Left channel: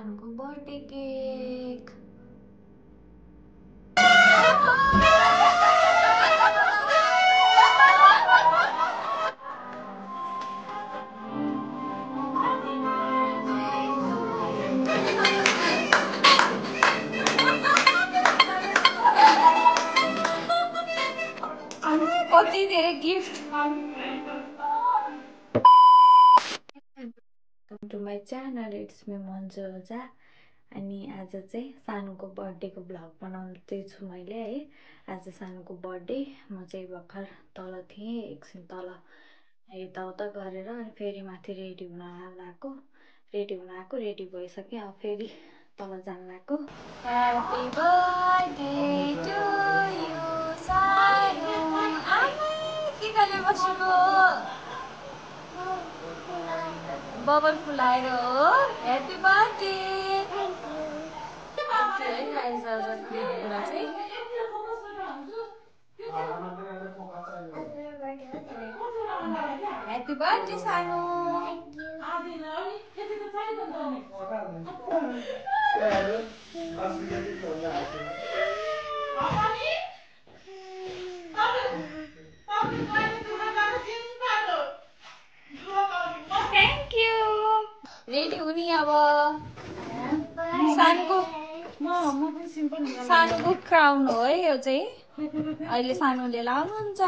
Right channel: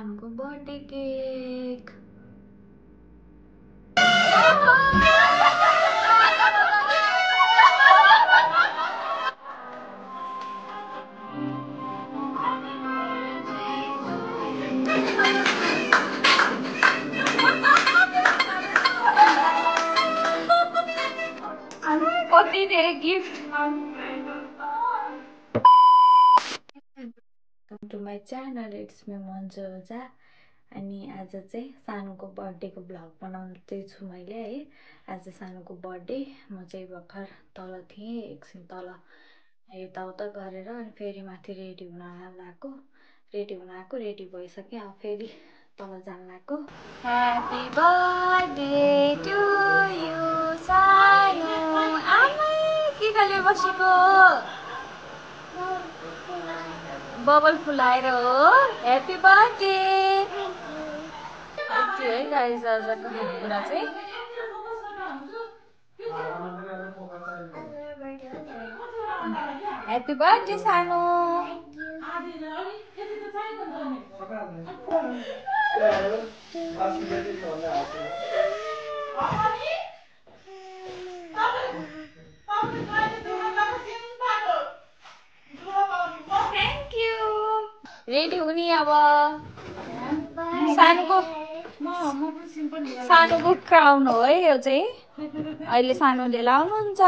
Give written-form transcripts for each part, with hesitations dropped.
सानुको birthday cake. कति धेरै gift. Welcome to my channel, it's me Manju Ojha. अनि आज चाहिँ सानुको बर्थडेको भ्लग बनाउँदैछु मैले है। आज सानुको बर्थडे, म चाहिँ भर्खर तल थिएँ, एकछिन तल यताउता गरेर अनि फेरि माथि रेडी हुन आएको, रेडी भइसक्यो। अब फेरि तल जान लागेको। ह्यापी बर्थडे टु यु सानु। आमै के गले बसेको बबल फुलाएर हो। Happy birthday. यति है गाइस आजको कुरा चाहिँ। ह्यापी बर्थडे सानु। Thank you. रेडी हुने अब सानुको क्राउन हो है यो चाहिँ। अहिले सानुले लाउनुहुन्छ।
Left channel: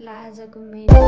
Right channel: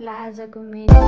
ल आजको मेरो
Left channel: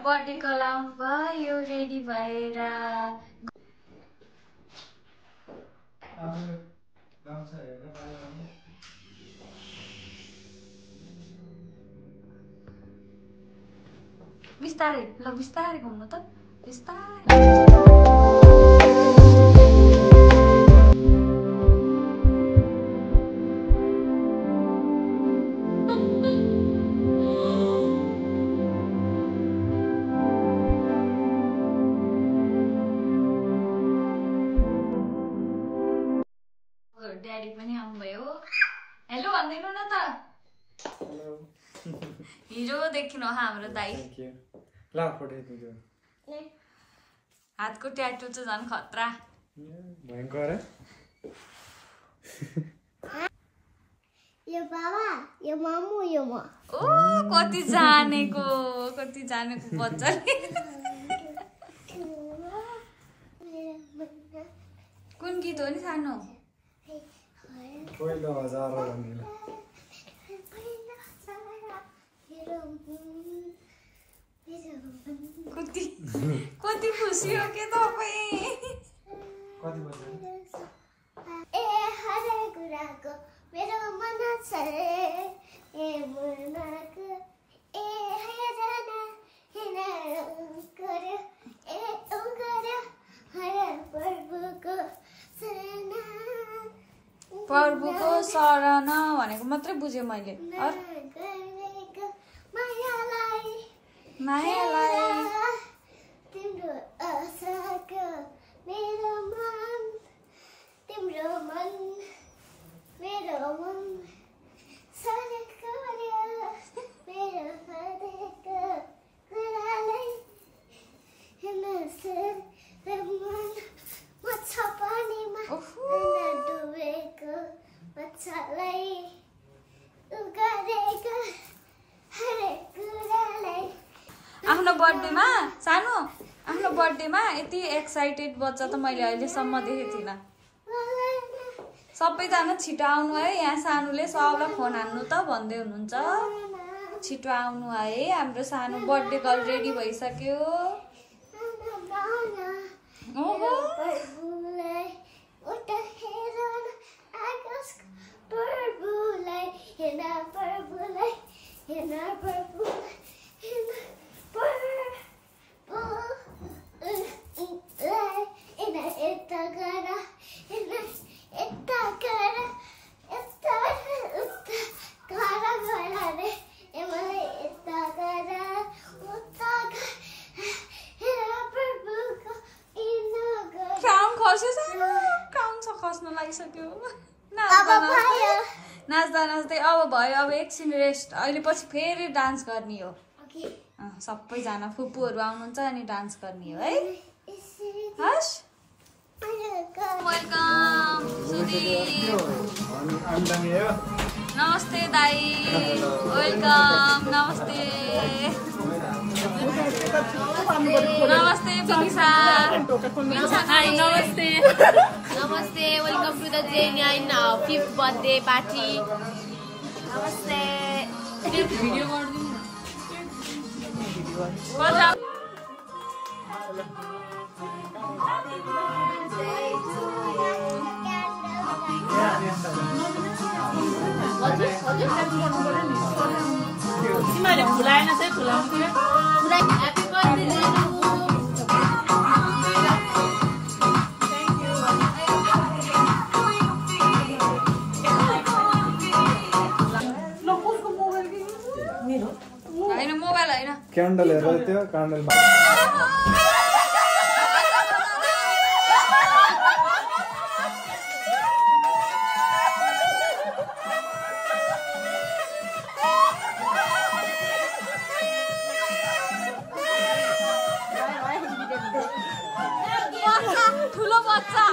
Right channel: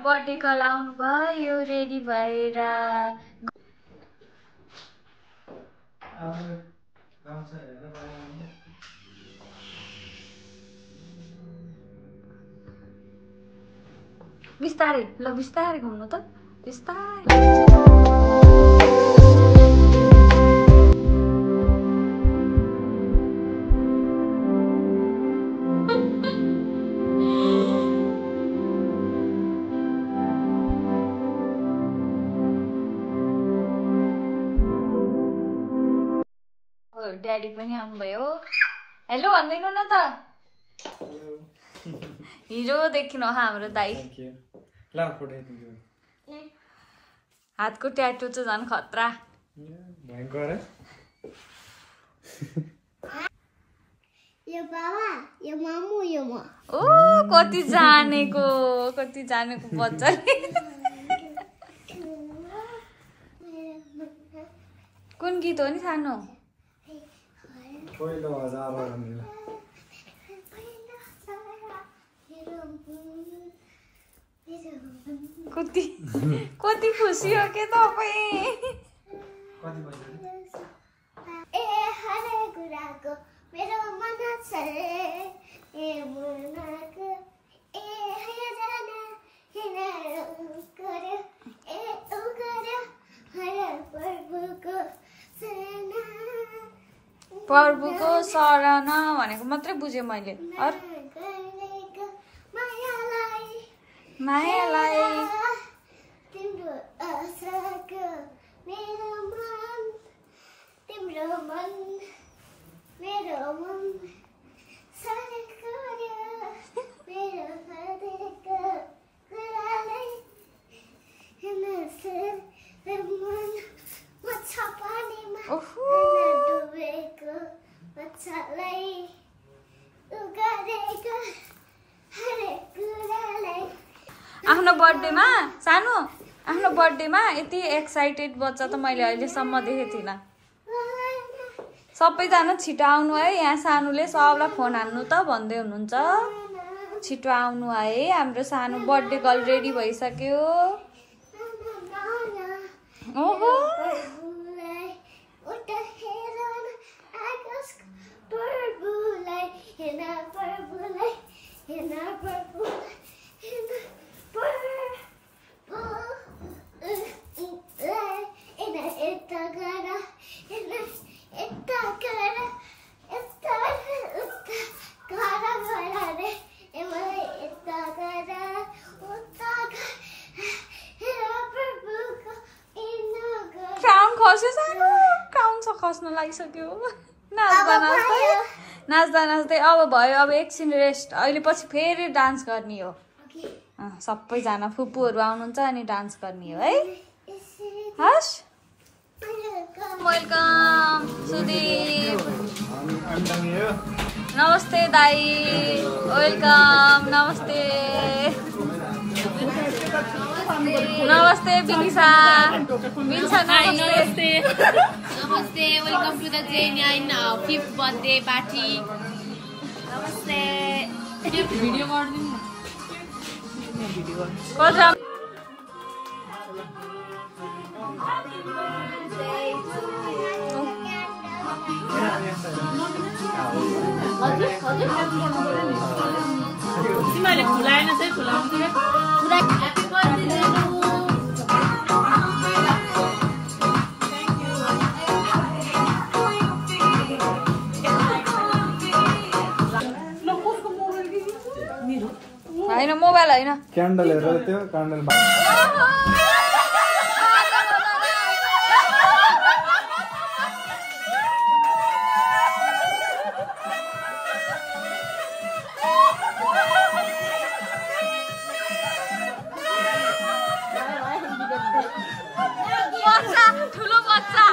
बर्थडेको लाउनु भयो रेडी भएर। बिस्तारै ल, बिस्तारै घुम्नु त, बिस्तारै। ड्याडी पनि आउनुभयो। हेलो भन्दैन न त। हिजो देखिनु हाम्रो दाइ। हातको ट्याटु चाहिँ झन् खतरा। यो बाबा, यो मामु, यो म। ओ कति जानेको बच्चाले। कुन गीत हो नि सानो? पहिलो हजार कति खुसी हो के तपाईँ। ए हरे गुराको मेरो मन छ ए मुनाको ए हजना हिँडेर गर्यो ए उ गर्यो हरे प्रभुको शरण भनेको मात्रै बुझेँ मैले। मायालाई तिम्रो आशाको मेरो मन तिम्रो मन मेरो मन सारे गर्यो मेरो हृदयको कुरालाई नसेर मन मछ पानीमा डुबेको मच्छलाई उगारेको हरेक कुरालाई। आफ्नो बर्थडेमा यति एक्साइटेड बच्चा त मैले अहिलेसम्म देखेको थिइनँ। सबैजना छिटो आउनु है, यहाँ सानुले सबलाई फोन हान्नु त भन्दै हुनुहुन्छ। छिटो आउनु है, हाम्रो सानो बर्थडे गर्ल रेडी भइसक्यो। ओहो खस्न लागिसक्यो। नाच्दा नाच्दै अब भयो, अब एकछिन रेस्ट, अहिले पछि फेरि डान्स गर्ने हो। सबैजना फुपूहरू आउनुहुन्छ अनि डान्स गर्ने हो है। हस्, वेलकम सुदीप। नमस्ते दाई, वेलकम। नमस्ते नमस्ते विनिशा। नमस्ते Namaste, welcome to the J9 5th birthday party. नमस्ते। Video तिमीले खुलाएन चाहिँ खुलाउनु पर्यो। Happy birthday होइन मोबाइल होइन, क्यान्डल हेरेर त्यो क्यान्डल ठुलो बच्चा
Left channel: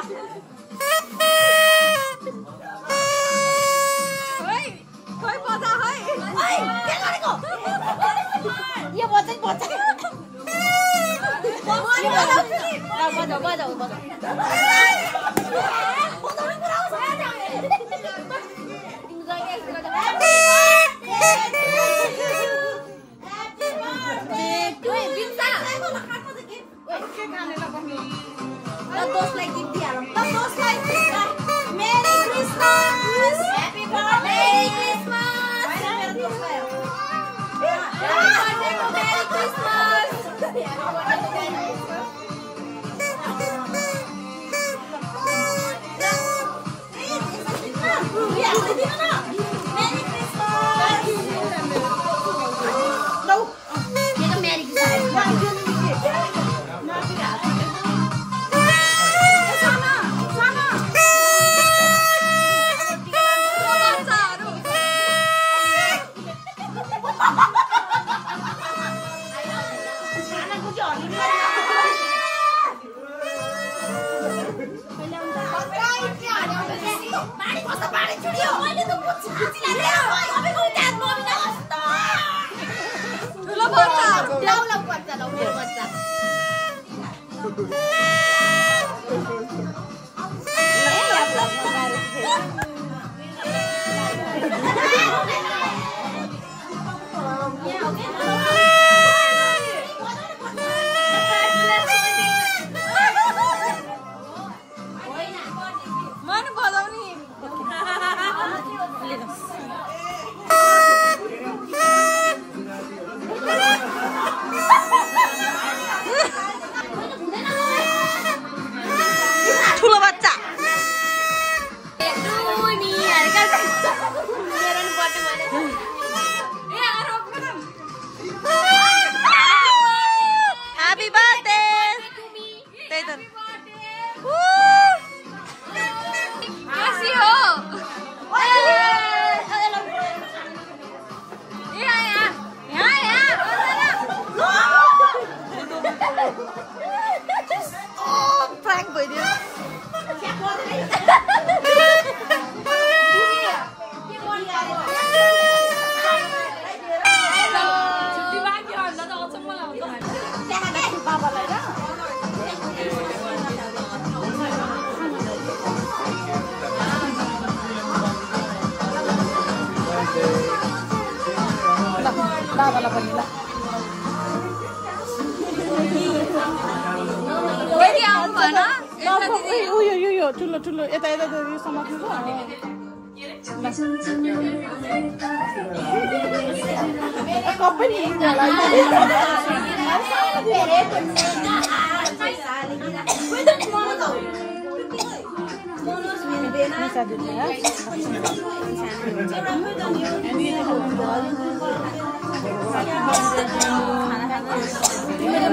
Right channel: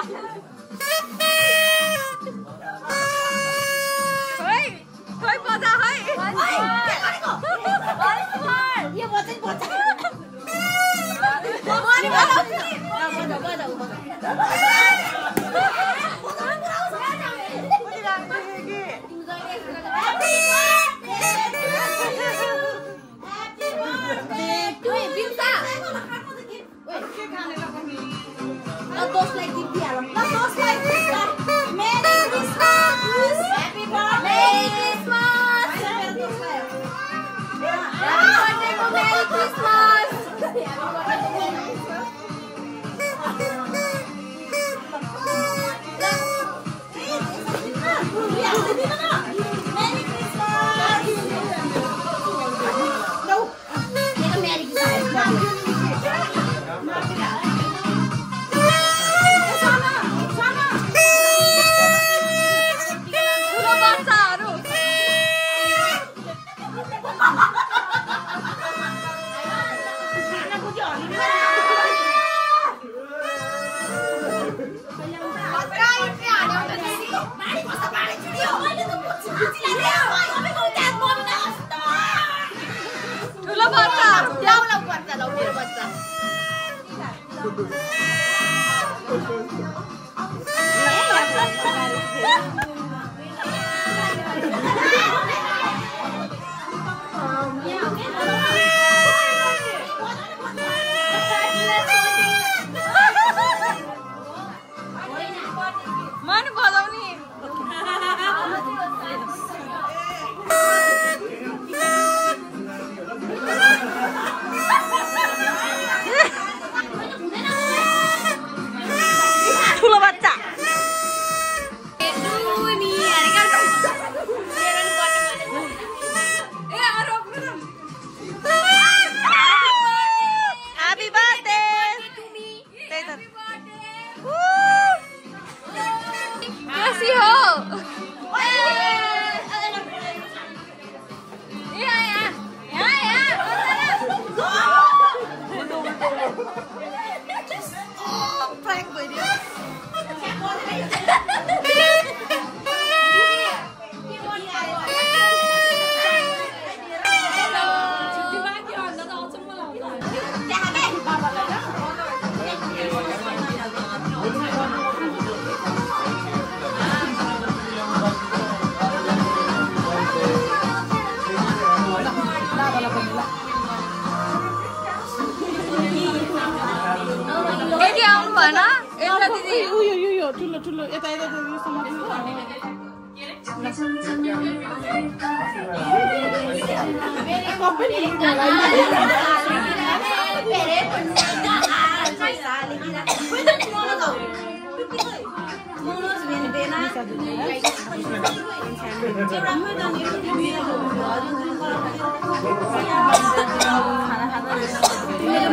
यो ठुलो ठुलो यता यता यो समात्नु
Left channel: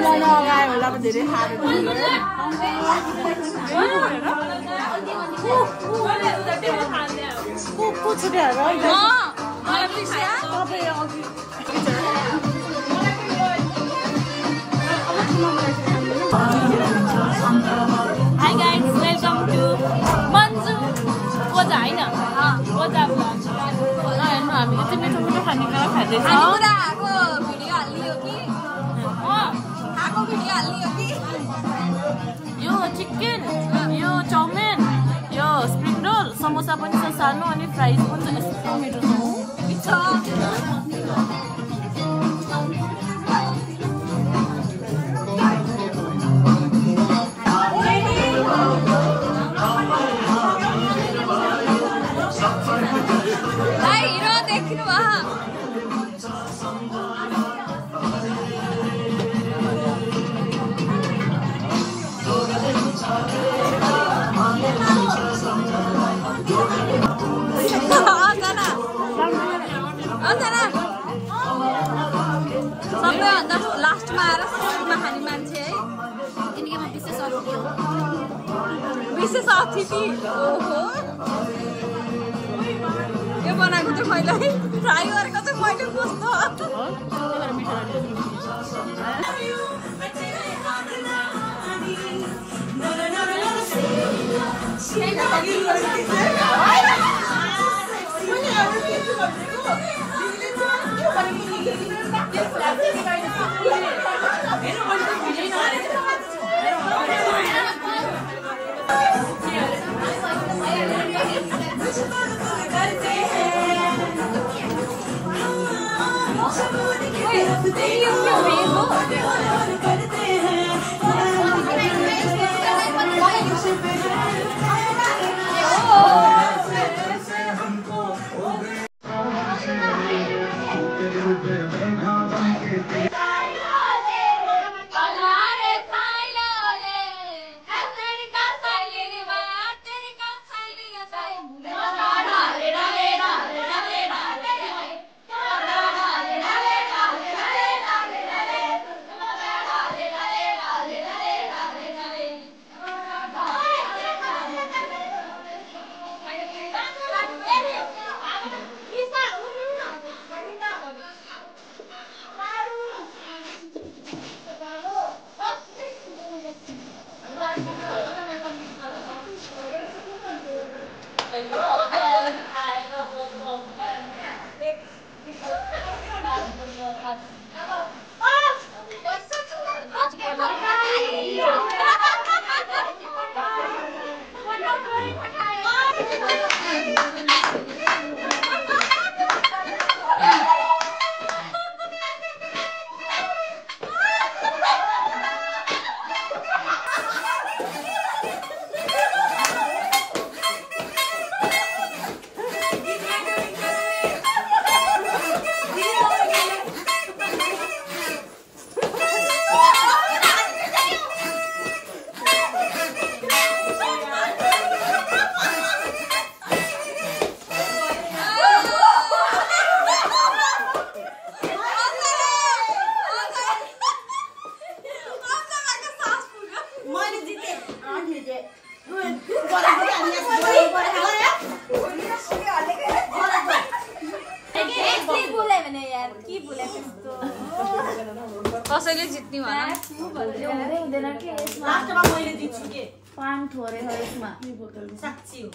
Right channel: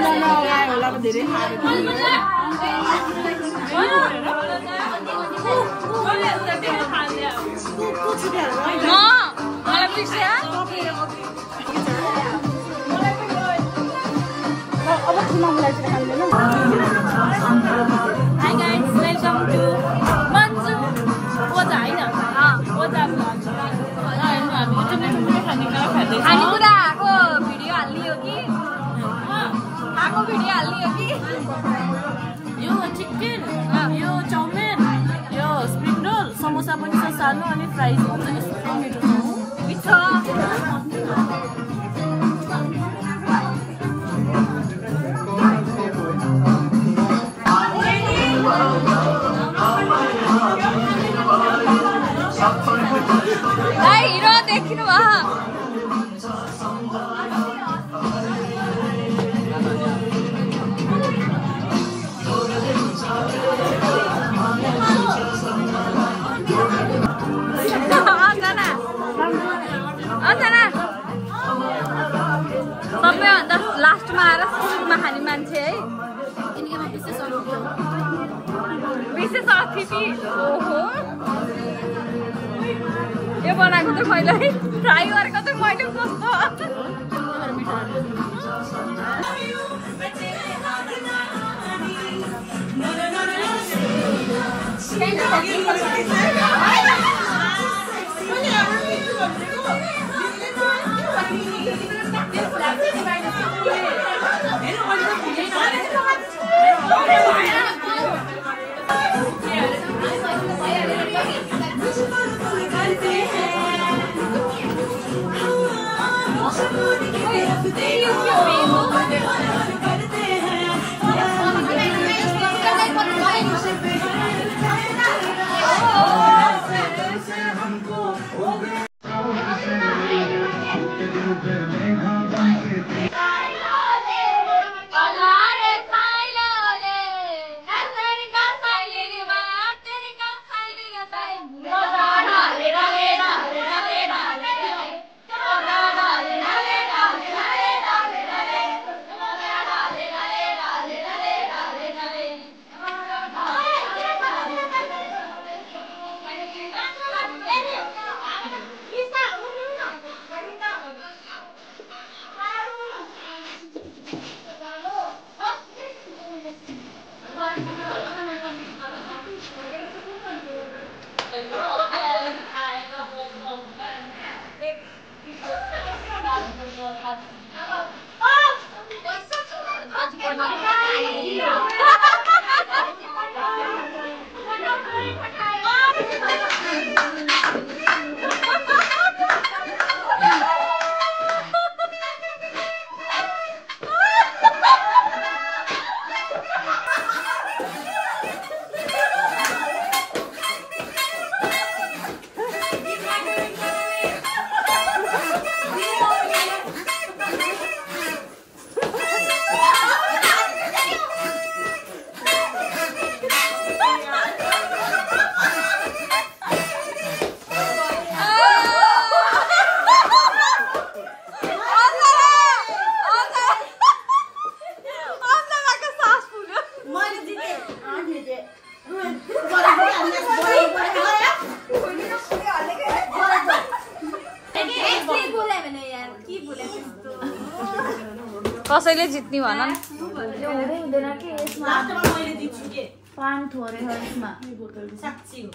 मन अगायो होला धेरै खाएको Hi guys, welcome to Manju Oja हैन Oja vlog हैन हामी चाहिँ मिठो मिठो खानेकुरा खाँदै छौं अनि पुरा आको भिडियो हाल्लियो कि आको भिडियो हाल्लियो कि यो चिकन यो चाउमिन यो स्प्रिङ रोल समोसा पनि छ सानो अनि फ्राइज पनि छ यस्तो मिठो छ भाइ हिरो देखिनु भयो सबैभन्दा लास्टमा आएर सुरुमा खाने मान्छे है किनकि म विशेष अतिथि हो विशेष अतिथि ओहो यो बनाएको चाहिँ मैले ट्राई गरेको चाहिँ मैले कस्तो कसैले जित्ने भन लास्टमा मैले जित्छु के पानी थोरै छ यसमा साच्ची हो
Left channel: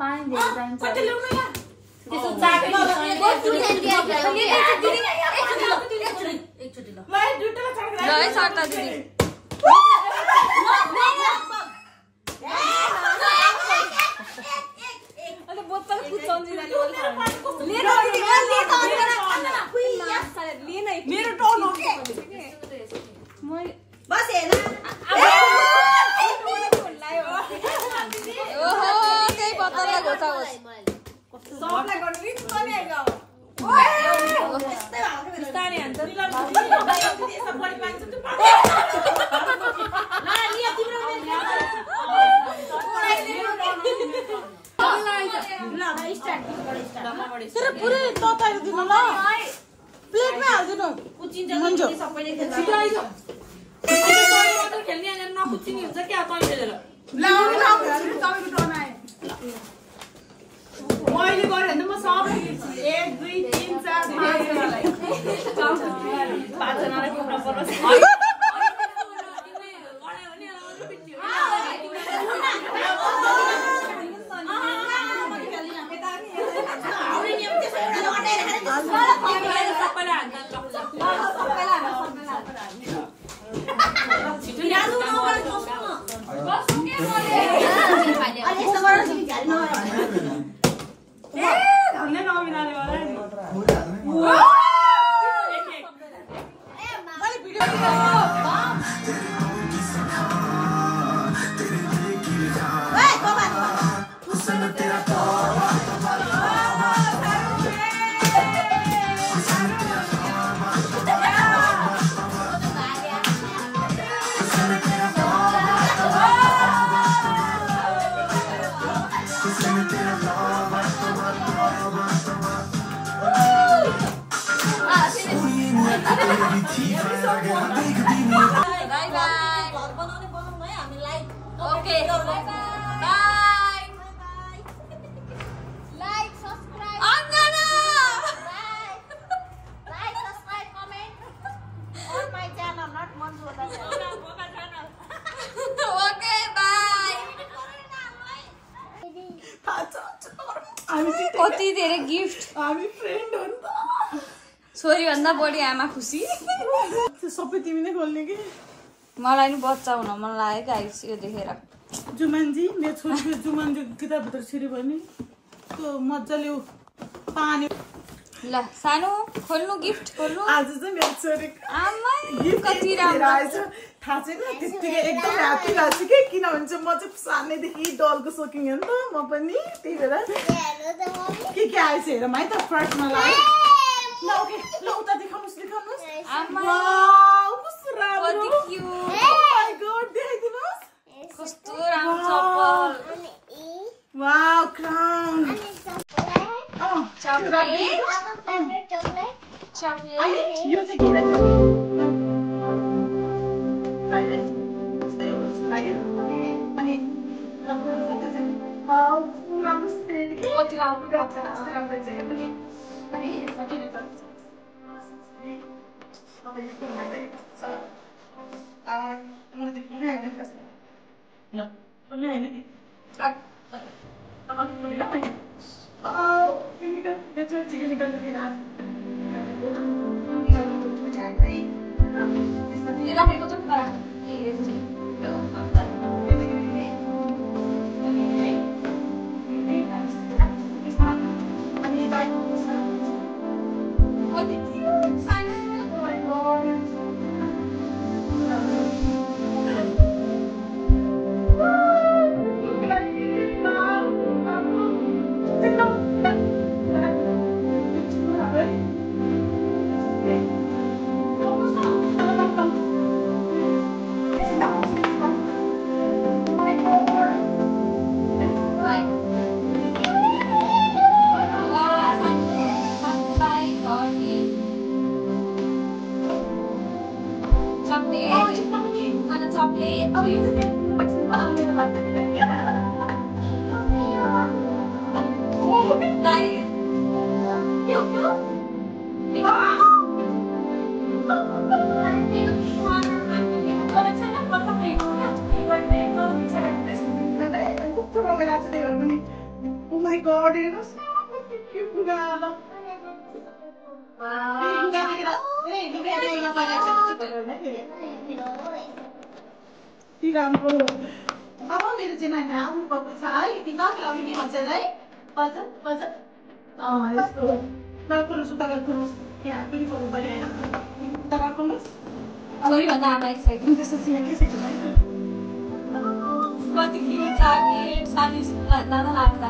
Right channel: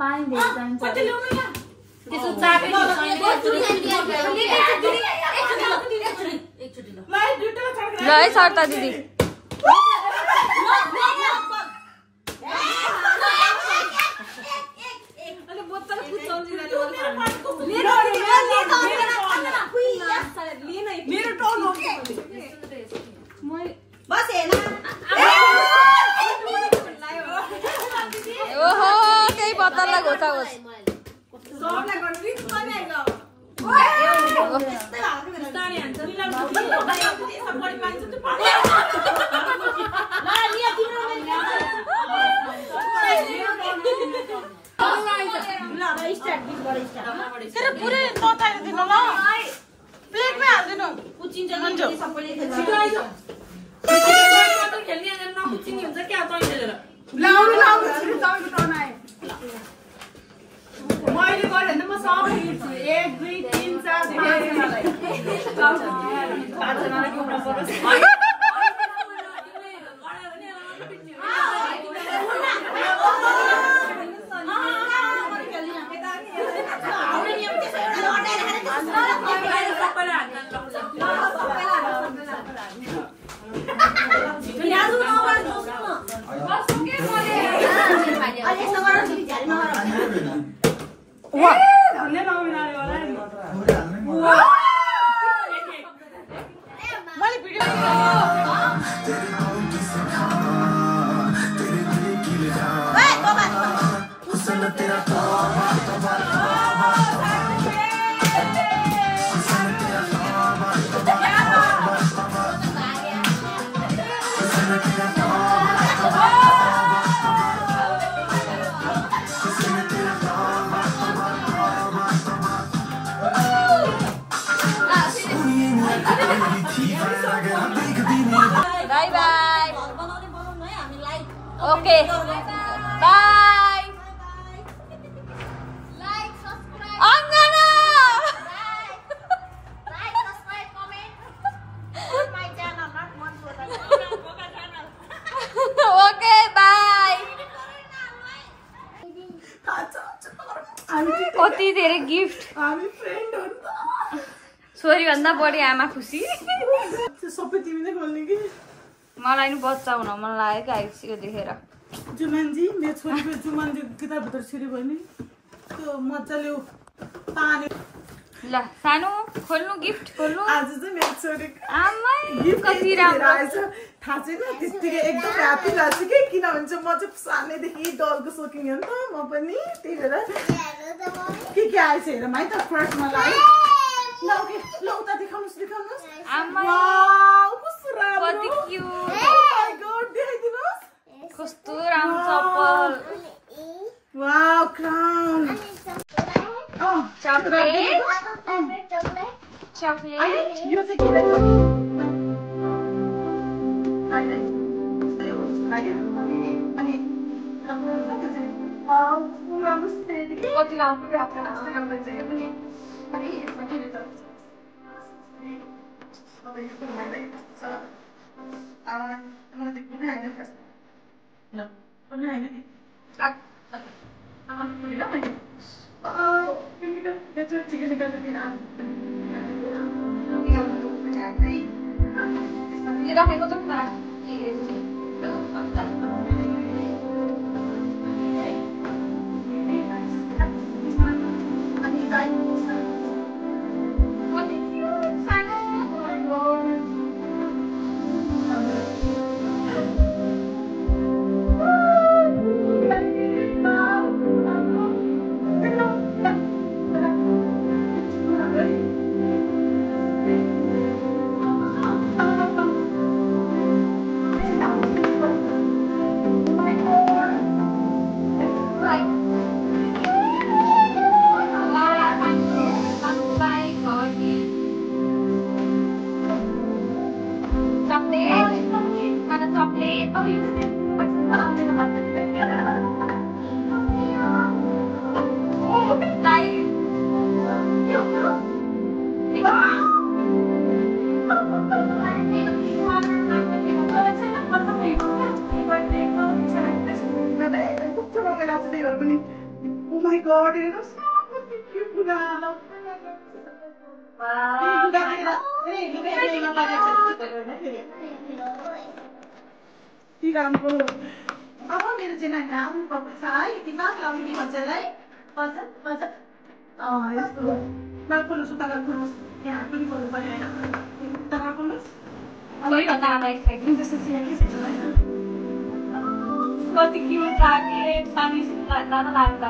पानी धेरै चाहिन्छ कति ल्याउनु यहाँ एकचोटी ल मैले दुईटा चाख्रा ल है सरता दिदी अनि बोतल खिचाउँदिनाले मेरो टर्न हो बस हेर्न बचाओस् पुरै तताएर दिनु ल प्लेटमै हाल्दिनु कुचिन्छ सबैले खेल्ने नकुचिने हुन्छ क्या तै खेलेर मैले गरेँ भने म सबै 1 2 3 4 पाँचजनालाई कुट्न पर्छ ओके बाय Like, subscribe. अङ्गना Like, subscribe, comment. On my channel, not Manju. Okay bye कति धेरै गिफ्ट हामी फ्रेन्ड हो नि त छोरी भन्दा बढी आमा खुसी सबै तिमी नै खोल्ने कि मलाई नि बच्चा हुन मन लागेको आइसक्यो देखेर जुमानजी मेरो छोरीको जुमानजी किताबभित्र छिरी भयो नि त्यो मजाले पानी ल सानो खोल्नु गिफ्ट खोल्नु आज चाहिँ मेरो छोरीको आमा गिफ्ट कति राम्रो आएछ थाहा छैन त्यतिकै एकदम ह्याप्पी लाग्छ कि किनभने चाहिँ म चाहिँ सानैदेखि डलको सोकिङ हो नि त म पनि त्यही भएर के आएछ हेरौँ है त फर्स्टमा लाग्यो ल ओके ल उता देखाउनुहोस् आमा वाउ कस्तो राम्रो कति क्युट Oh my god देखाइदिनुहोस् कस्तो राम्रो चप्पल wow crown chocolate Chocolate. Chocolate यो चाहिँ किन कति राम्रो राखेको छ Oh my god, it was so cute. राम्रो अब मेरो चाहिँ नानी आउनु भएको छ है दिमाग लाउने के भन्छ है बजा बजा यस्तो नाकको सुताको यहाँ पनि बोल्नु पर्यो होइन सुताको कति क्युट चकलेट सानी लाग्दा लाग्दा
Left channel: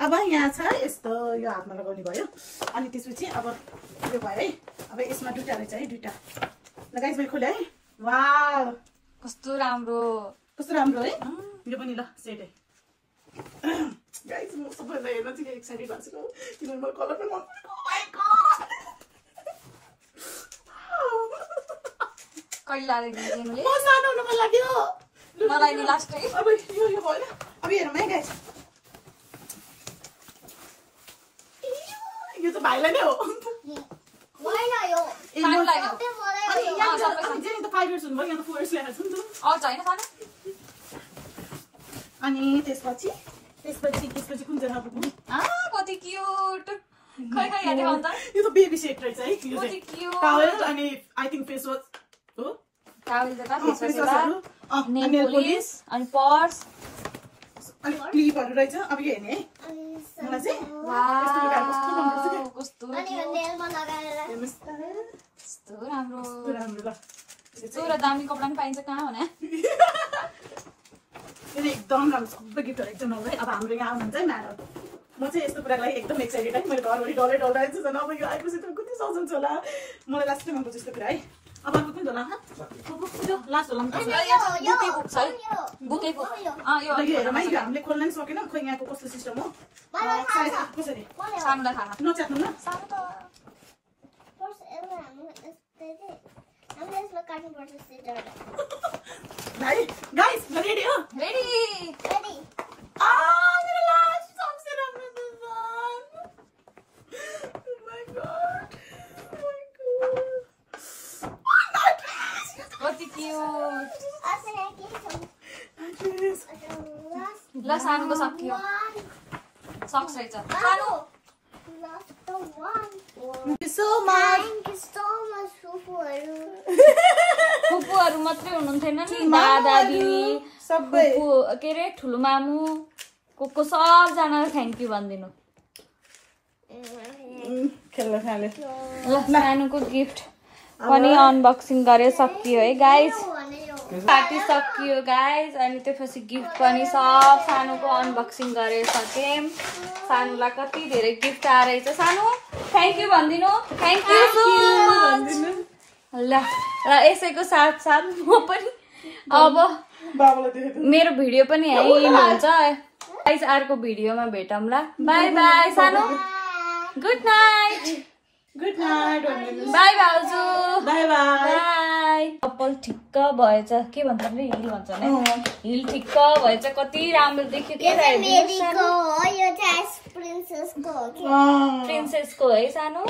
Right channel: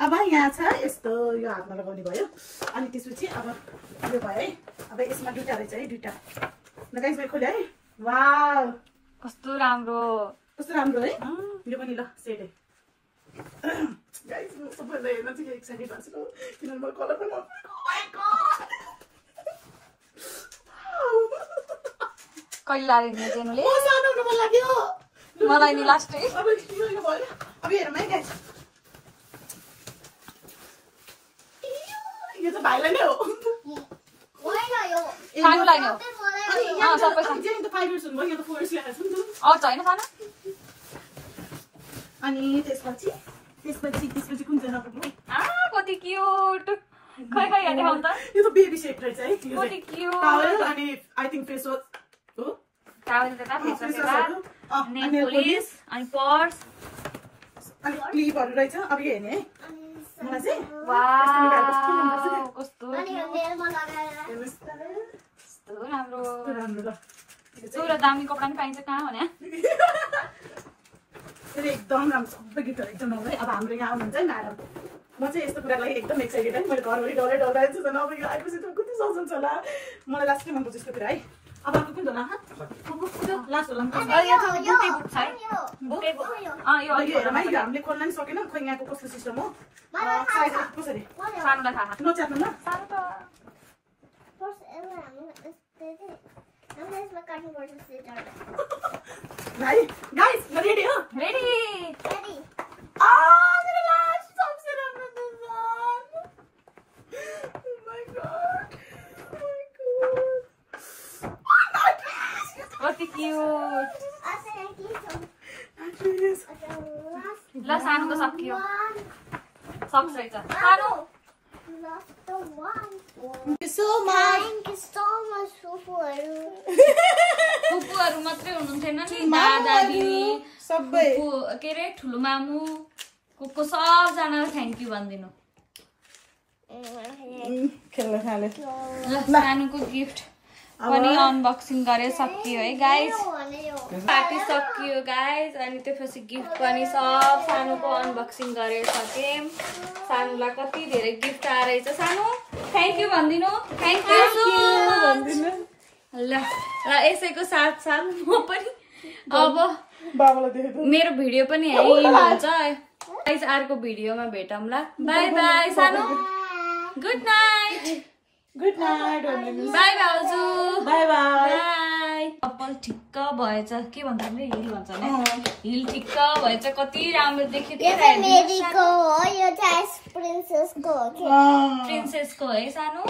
अब यहाँ छ यस्तो यो हातमा लगाउने भयो अनि त्यसपछि अब यो भयो है अब यसमा दुईटा रहेछ है दुईटा ल गाइस मैले खोले है वाउ कस्तो राम्रो है यो पनि ल सेट है गाइस म सबैलाई हेर्न चाहिँ एक्साइटेड भएको छु किनभने मलाई कलर पनि मन परेको माइ गॉड कहिले लाग्यो जेनुले म सानो हुन मन लाग्यो मलाई नि लास्ट है अब यो भयो अब हेरौँ है गाइस यो त भाइलाई नै हो सानोलाई नै हो सबै अनि चाहिँ त 5 इयर्स हुनुभयो यहाँ त 4 इयर्स ल्याएको छु नि त अर्छ होइन सानो अनि त्यसपछि कुन चाहिँ नपुग्ने कति क्युट खै खै यहाँ देखाउनु त यो त बेबी सेट रहेछ है कति क्युट टावेल अनि आई थिंक फेस वास हो टावेल देता फेस वास अनि नेल पोलिस अनि पर्स अनि क्लिपहरु रहेछ अब यो हेर्ने है मलाई चाहिँ वाउ कस्तो राम्रो राम्रो ल चुरा दामी कपडा पनि पाइन्छ कहाँ भने एकदम राम्रो सबै गिफ्टहरु एकदम राम्रो है अब हाम्रो यहाँ आउनुहुन्छ है म्याडम म चाहिँ यस्तो कुराको लागि एकदम एक्साइटेड है मैले घरभरि डराइरहेको छु अब यो आएपछि त कति सजाउँछ होला मलाई लास्टै मन पर्छ यस्तो कुरा है अब अर्को कुन होला लास्ट होला बुके बुक छ है बुके बुक यो हामीले खोल्न नि सकेन खोइ यहाँको कस्तो सिस्टम हो साइज कसरी सानोलाई थाहा नच्यात्नु ल सानो त गाइस रेडी हो रेडी मेरो लास्ट सबसे राम्रो डिजाइन Oh my god. कति क्यूट ल सानोको सकियो सक्स रहेछ सानो फुपूहरू मात्रै हुनुहुन्थेन नि दादा दिदी सबै के अरे ठुलो मामु को सबजनालाई थ्याङ्क यू भनिदिनु ल सानोको गिफ्ट पनि अनबक्सिङ गरे सकियो है गाइज पार्टी सकियो गाइज अनि त्यसपछि गिफ्ट पनि सब सानोको अनबक्सिङ गरेर सक्यौँ सानोलाई कति धेरै गिफ्ट आएछ सानो थ्याङ्क यू भनिदिनु थ्याङ्क यू ल र यसैको साथ साथ म पनि अब मेरो भिडियो पनि यहीँ हुन्छ गाइज अर्को भिडियोमा भेटौँ ल बाई बाई सानो good night Good night. By भाउजू Bye bye. By by. चप्पल ठिक्क भएछ, के भन्छ नि हिल भन्छ नि, हिल ठिक्क भएछ, कति राम्रो देख्यो के। मेरीको हो, यो चाहिँ प्रिन्सेसको हो के? प्रिन्सेसको है सानो।